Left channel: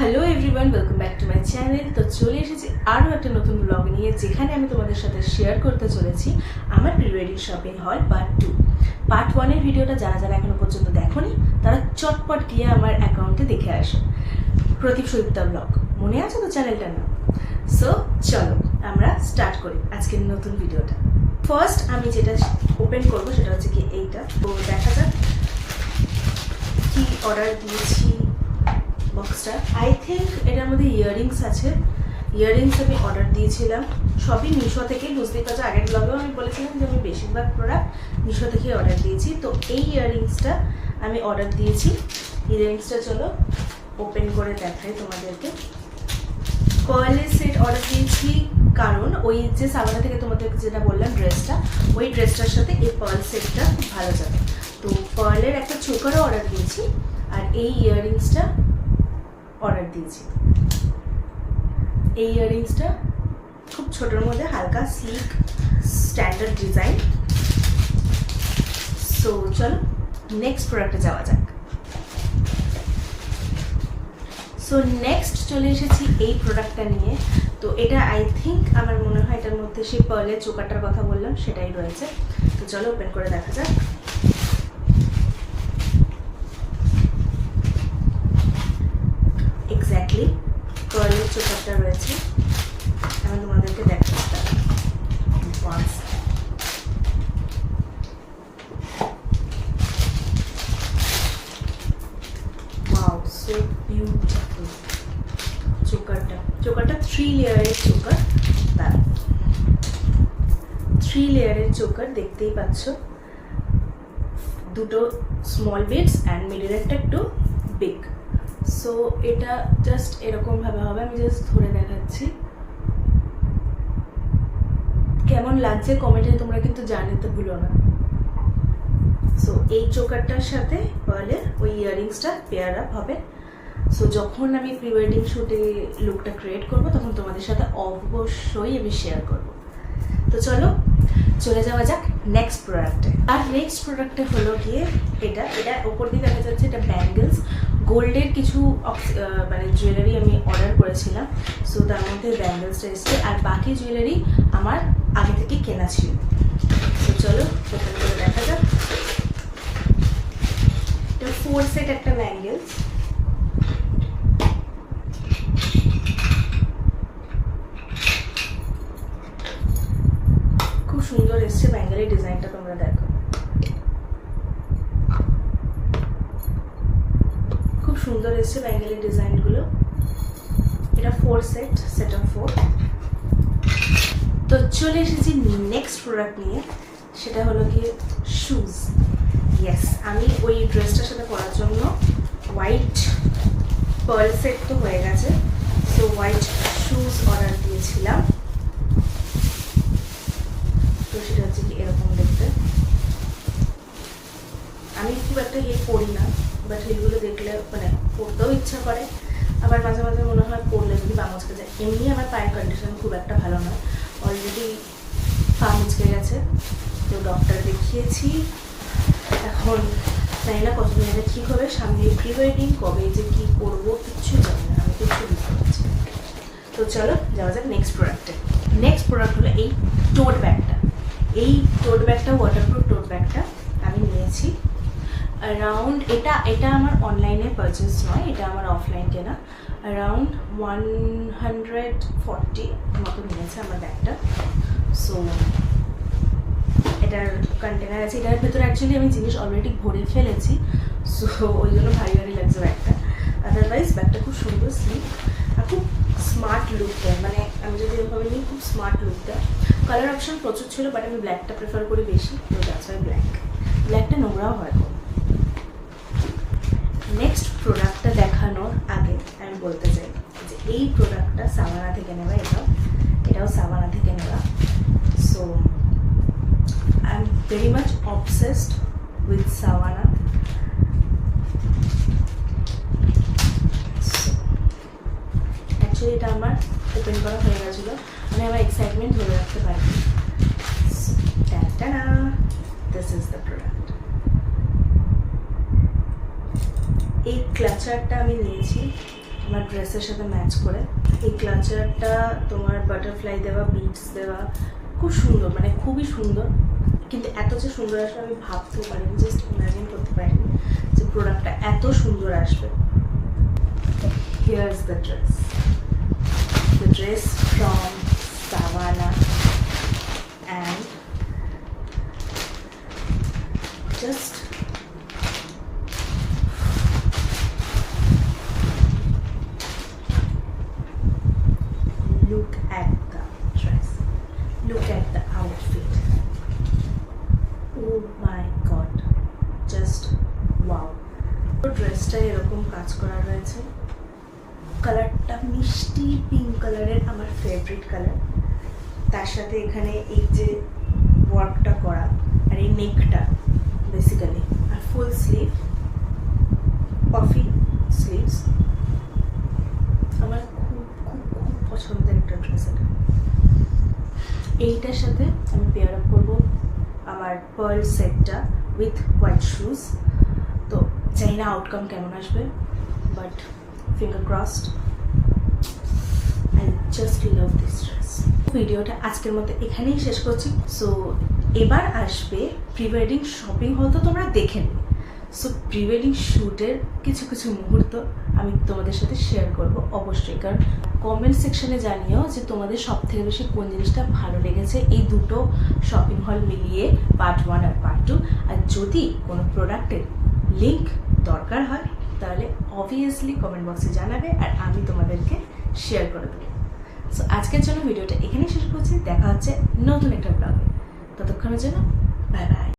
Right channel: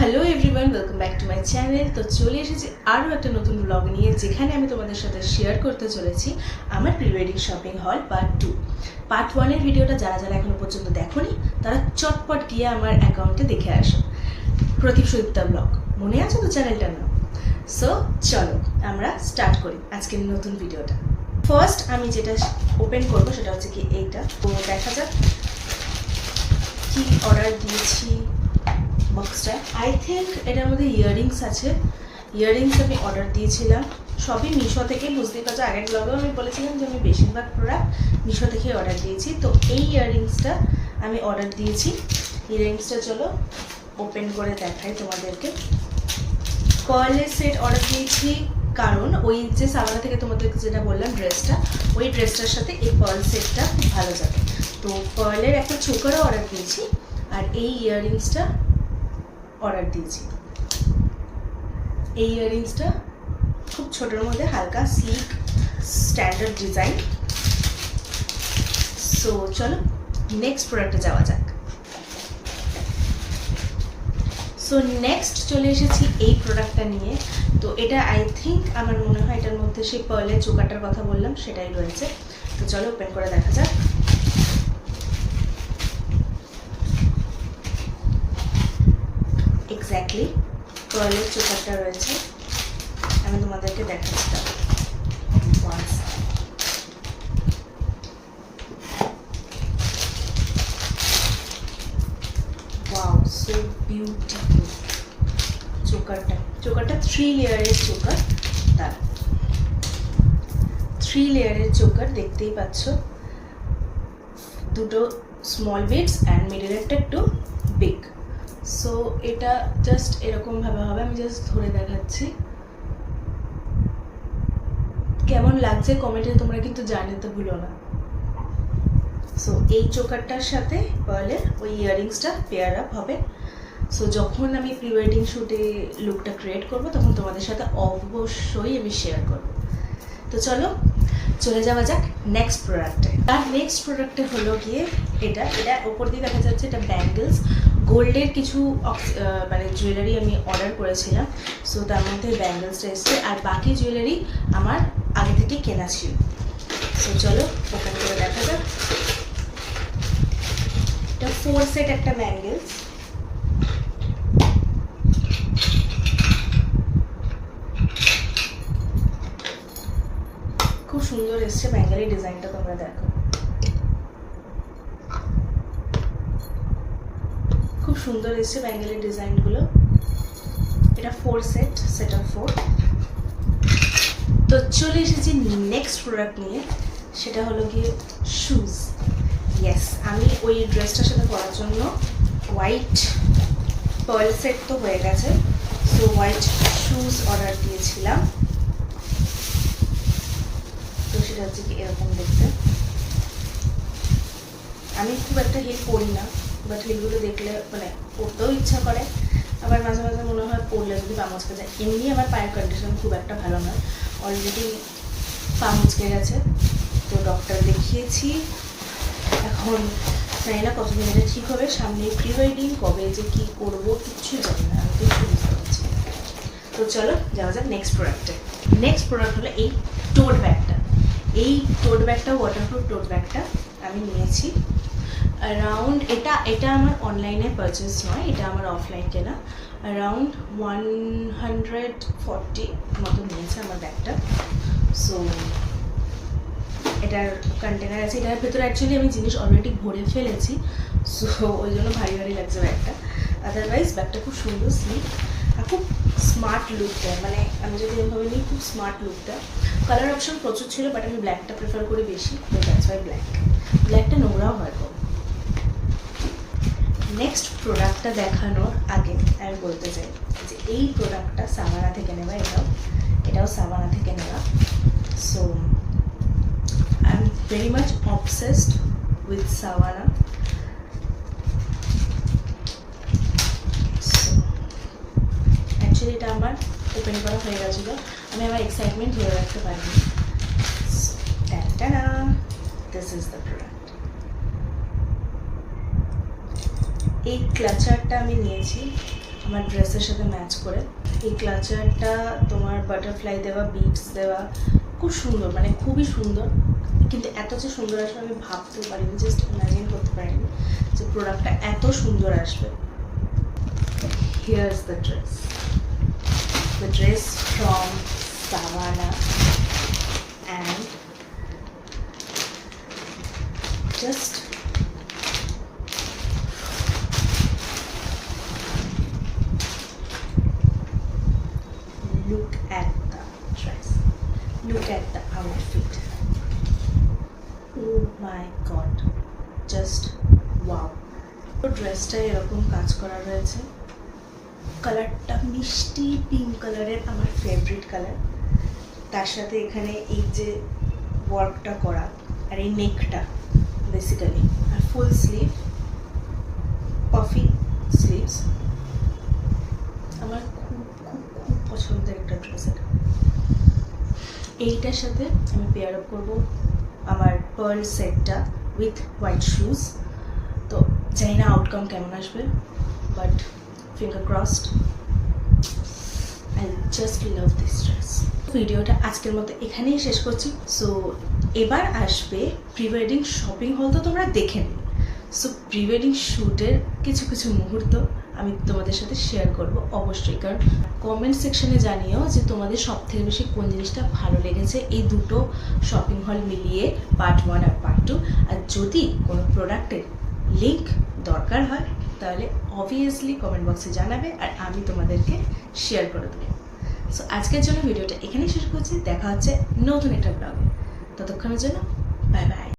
Hello everyone, welcome back to my channel. তো চলে এসেছি আরও একটা নতুন ব্লগ নিয়ে, যেখানে আমি তোমাদের সাথে শেয়ার করতে চলেছি আমার প্রি ওয়েডিং শপিং হল পার্ট 2। পার্ট 1-এর ভিডিওটা যারা যারা এখনো পর্যন্ত দেখোনি তারা চটপট গিয়ে আমার অ্যাকাউন্টে দেখে আসো, প্রদীপ সুদীপ্তা ব্লগ। মনে আছে তো চ্যানেলটার নাম? সো চলো আমরা স্টার্ট করি আজকের নতুন ভিডিওটা। ফার্স্ট আমি যেটা ওপেন করবো সেটা হচ্ছে কি এইটা। তো দেখা যাক কি অর্ডার দিয়েছি। বক্সটা আই থিঙ্ক এটার মধ্যে ইয়াররিংস আছে। ইয়াররিংস আমি অর্ডার দিয়েছিলাম সবই মিশো থেকে। বুঝতেই পারছো, আগের ব্লগেও আমি বলেছিলাম যে আমি বেশিরভাগ প্রোডাক্ট মিশো থেকে অর্ডার দিয়েছি। তো এই ইয়াররিংসটা আমি অর্ডার দিয়েছি। ইয়াররিংসটা চলো ওপেন করে দেখাই তোমাদেরকে। পার্লের সেট অর্ডার দিয়েছি, কারণ ওই যে সাবানা থেকে তোমাদেরকে যেটা বললাম ড্রেসটা, ওই ড্রেসটার সাথে এই পার্ল সেটটা খুব ভালো যাবে। তো পার্লের একটা চোকারও অর্ডার দিয়েছি, আর এই ইয়াররিংসটা অর্ডার দিয়েছি। এই ইয়াররিংসটা খুব ছোটোর মধ্যে হালকা স্লিক স্ট্যান্ডার্ড ডিজাইন। সো চলো নেক্সট প্রোডাক্টে যাওয়া যাক। সো নেক্সট চলে এসেছি এই প্রোডাক্টটা নিয়ে। তো এটা আই থিঙ্ক আমার মনে হয় এটার মধ্যে সেই পার্লের চোকারটার কথা বললাম সেটাই রয়েছে। তো চলো ওপেন করে দেখা যাক। এক্স্যাক্টলি পার্লের চোকারটা রয়েছে। আমি তোমাদেরকে দেখাচ্ছি ওয়ান্স। Wow, so beautiful. চোকারটা 3 লেয়ারের চোকার। তার 3 লেয়ারের চোকার দেখতেই পাচ্ছ। দুটো স্মল বিটস অ্যান্ড মিডলেরটা একটু বিগ। সো এটা জাস্ট এরকমভাবে হবে। আমি জাস্ট ধরে দেখাচ্ছি কেমন লাগছে কমেন্টে তোমরা কিন্তু জানাতে ভুলো না। সো এই চোকারটার সাথে পার্লের ওই ইয়াররিংসটা পেয়ার আপ হবে। সো যখন আমি প্রি ওয়েডিং শ্যুটে লুকটা ক্রিয়েট করব তখন তোমাদের সাথে অবশ্যই আমি শেয়ার করব। তো চলো চলে যাওয়া যাক নেক্সট প্রোডাক্টে। আর নেক্সট প্রোডাক্টে হলো গিয়ে এটা ওপর দিয়ে দেখা যাচ্ছে এটা ব্যাঙ্গেলস। গোল্ডের কিছু মানে জুয়েলারি আমি অর্ডার করেছিলাম। সো তার মধ্যে ব্যাঙ্গেলসটা এসছে, আর বাকি জুয়েলারি আমার আগে থেকে কেনা ছিল। সো চলো ওপেন করে দেখা যাক। এটা 4 সেট একটা ব্যাঙ্গেলস। খুব সুন্দর এসছে ব্যাঙ্গেলের ডিজাইনটা, তোমরা দেখো খুব সুন্দর এসছে ব্যাঙ্গেলের ডিজাইনগুলো। এটা 4 সেট অফ 4। তো চলে এসেছি নেক্সট প্রোডাক্ট নিয়ে, সেটা হলো গিয়ে শুজ। ইয়েস, আমি ওই ড্রেসটার সাথে পরার জন্য হোয়াইট পার্ল সেট তো হয়ে গেছে। সো হোয়াইট শুজ অর্ডার দিয়েছিলাম। তো সেটা হচ্ছে কি এরকম দেখতে। আমি খুব একটা হিল পরি না, বাট হিলগুলো দেখলে মানে পরতেও ইচ্ছা করে, আবার মাঝে মাঝে মনে হয় পরলে যদি পা মুচকে যায়। এমনি আমার পায়ের কন্ডিশন খুব একটা ভালো নয়, অলরেডি পা মুচকে গেছে। তো ডক্টর দেখিয়েছি, এখন জানি না কতদিন এটা ঠিক হবে। সামনে প্রি ওয়েডিং, কবে যে কী করবো কিচ্ছু জানি না, আমি কিচ্ছু বুঝতে পারছি। তো চলো যাওয়া যাক নেক্সট প্রোডাক্টে। নেক্সট প্রোডাক্ট হলো এই টোট ব্যাগটা। এই টোট ব্যাগটা ওয়াটারপ্রুফ টোট ব্যাগটা আমি নিয়েছি অ্যারাউন্ড, এটা আমার অনলাইনে পারচেস নয়, এটা আমার অফলাইন কেনা। অ্যারাউন্ড 140 মতো নিয়েছে আমার ব্যাগটা। সো এটার কন্টেনার আছে, এটার ভেতরে অ্যাকচুয়ালি আমি জিনিস অলরেডি ভরে ফেলেছি। সো ওই জন্য ভারী ভারী লাগছে ব্যাগটা। আদারওয়াইজ ব্যাগটা খুব সুন্দর স্লিপ আর খুব স্মার্ট লুক দেয়। মানে আমি যদি এভাবে নিই খুব স্মার্ট লুক দেয়। কালার অপশন প্রচুর ছিল, বাট আমি ব্ল্যাকটা প্রেফার করি বেশি। তো দ্যাটস ওয়াই ব্ল্যাকটা নোংরাও হয় কম। নেক্সট প্রোডাক্টটা দেখানোর আগে আমি বলতে চাই যে এই প্রোডাক্টটা সাবানা থেকে নেওয়া। এটাও সাবানা থেকে নেওয়া। So I am very much obsessed with Shabana. Actually এটা আমার ওপেন করা হয়ে গেছিলো, আমি আমার এক্সাইটমেন্ট ধরে রাখতে পারিনি। So this is the product. এই ক্লাচারটা আমি নিয়েছি আমার ড্রেসের সাথে ম্যাচ করে। এই ক্লাচারটা তোমার বাটারফ্লাই দেওয়া, বিটস দেওয়া, খুব সুন্দর, মানে খুবই সুন্দর। কিন্তু এত যে সুন্দর আসবে আমি ভাবতেও পারিনি, জাস্ট ইমাজিন করতে পারিনি যে প্রোডাক্টটা এত সুন্দর আসবে। Here's the dress from Savannah, and just look at the dress, look at the outfit. Oh my god, just wow. ড্রেসটা এরকম কাজ করা রয়েছে, কালারটা মিষ্টি পিঙ্ক কালারের, আমার ফেভারিট কালার। তার সাথে এখানে এই যে ওয়ার্কটা করা, আর এই নেকটা বেসিক্যালি, আর ফুল স্লিভ, পাফি স্লিভস। আমার খুব খুব খুব পছন্দের একটা ড্রেস এটা। এইটার সাথে আমি পেয়ার আপ করবো আমার পার্ল সেটটা উইথ হোয়াইট শুজ। তো জানি না আউটকাম কেমন আসবে, but finger crossed. I just love this dress. ভিডিওটা আজকের মতো এখানেই শেষ করছি। সো এবার আসবে প্রি ওয়েডিং শপিং হল, তো তোমরা দেখে নিই। সো প্রি ওয়েডিং শ্যুটের কিছু কিছু মুহূর্ত আমি তোমাদের সাথে শেয়ার করব অবশ্যই, কারণ কমেন্ট সেকশনে জানিও যে তোমাদের সব থেকে বেশি কোন জিনিসটা ভালো লেগেছে এই দুটো শপিং হল মিলিয়ে, পার্ট 1 আর পার্ট 2। আর যদি কোনো প্রোডাক্টের লিঙ্ক দরকার হয় তাহলে অবভিয়াসলি কমেন্ট বক্সে জানাবে, আর আমি তোমাদেরকে শেয়ার করে দেবো। সো আজকের জন্য ভিডিওটা এখানেই শেষ করছি। দেখা হচ্ছে নতুন একটা ব্লগে, ততক্ষণের জন্য বাই বাই।